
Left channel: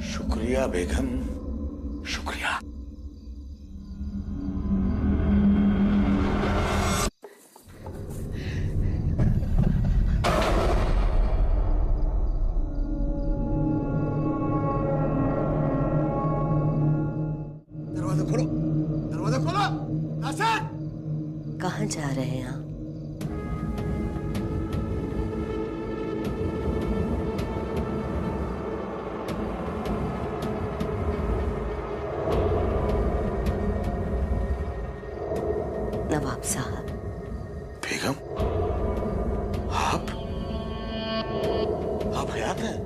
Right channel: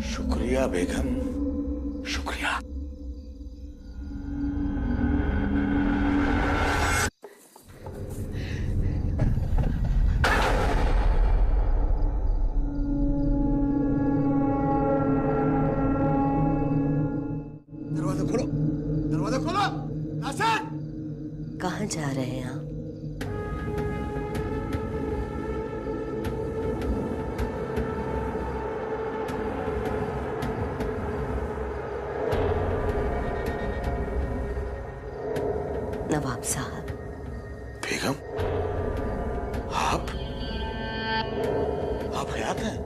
शुक्रिया बेगम, शुक्रिया। दरवाजा खोलो, दरवाजा खोलो। नासिर, कहाँ जा रहे हैं आप? नवाब साहब। बेगम, आप हयात हैं?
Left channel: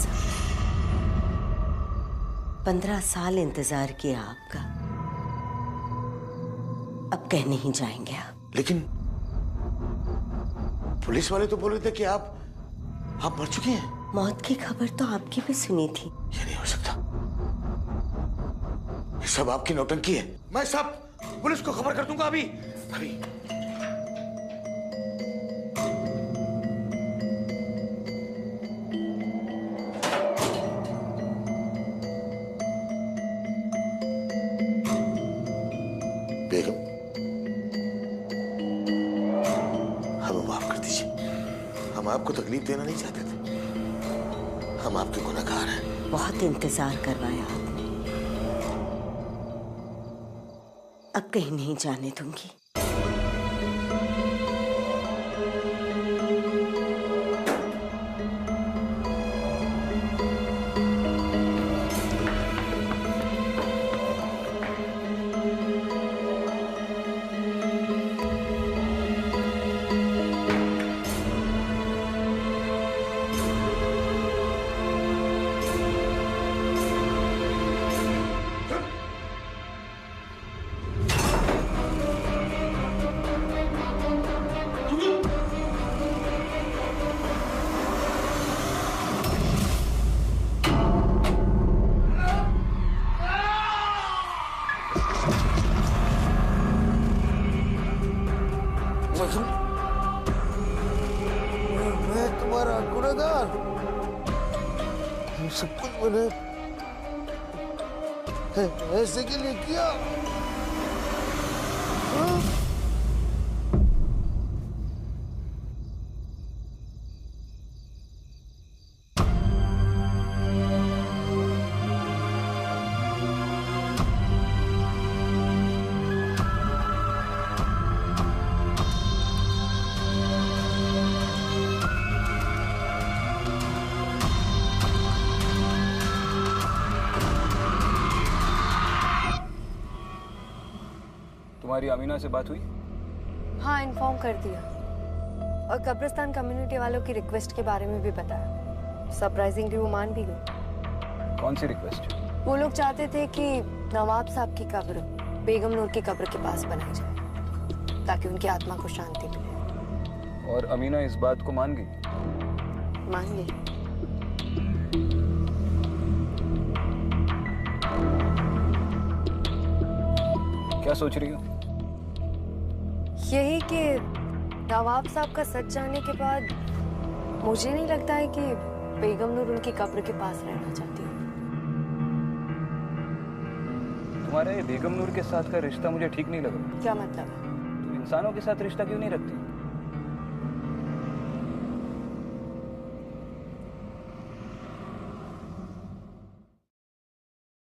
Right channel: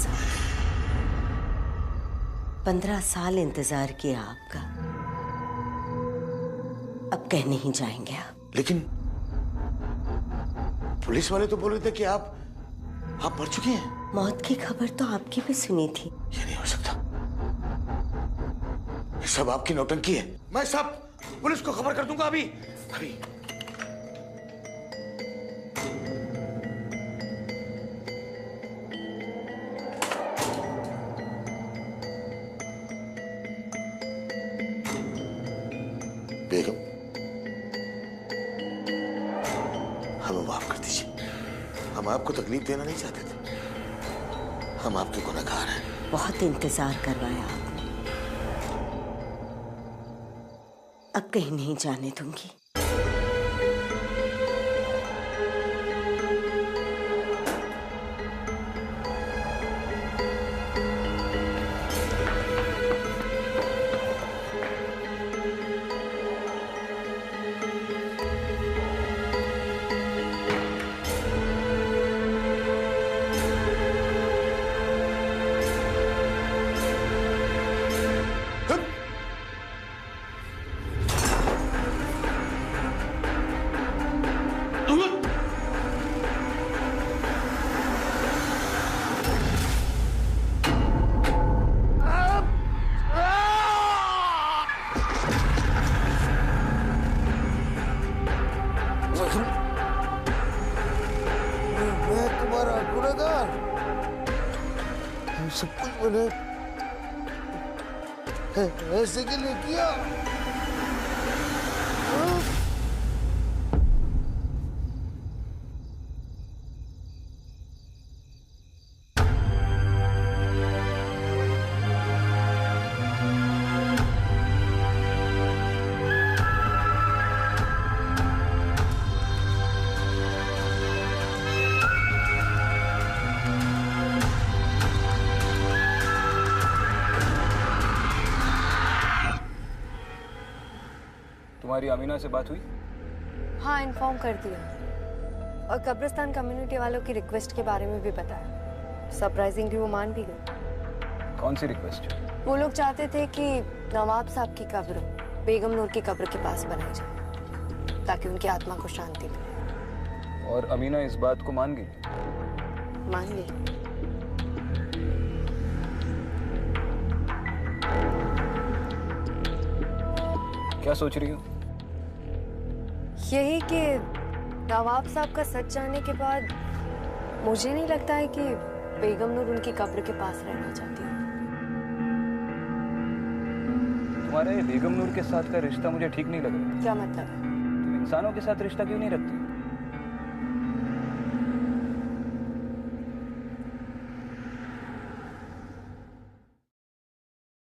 साल 15 साल इंतजार किया आपका, अब कह नहीं जाएंगे आप। लेकिन पुलिस वाले तो बोल रहे थे कि आप मर चुकी हैं। मौत की खबर तो आपकी भी सुनी थी। ये नहीं हो सकता, ये सब आपकी नौटंकी है। मैं सब पुलिस को खबर कर दूंगा अभी अभी। बेगम, हमें माफ कर दीजिए, हम आपको तकलीफ देना नहीं चाहते थे, हम आपके गुनहगार हैं। बहुत इंतजार करवाया आपने, अब कहीं नहीं जाने दूंगी। मैं तुम्हारा गुनहगार, सब कुछ मैंने ऐसे के लिए किया। तुम्हारी अमीना से बात हुई? हाँ, इन्फॉर्म कर दिया और कब्रिस्तान कम्युनिटी वालों की रिक्वेस्ट के बारे में भी बताया। सरप्राइजिंगली वो मान भी गए। कौन सी रिक्वेस्ट? वो लोग चाहते थे कि नवाब साहब की कब्र बेगम नूर की कब्र के पास बनाई जाए ताकि उनकी आत्मा को शांति मिले। और अमीना इस बात को मान गई? मान गई। क्या सोच रही हो? यही कि नवाब साहब का सच जानने के बाद मुझे नहीं लगता है कि बेगम नूर उनकी कब्र के पास रहना चाहती है। तुम्हारा ये बेगम नूर के साथ का रिश्ता मुझे ठीक नहीं लग रहा है। क्या मतलब? तुम इंसानों के साथ रिश्ता क्यों नहीं रखती?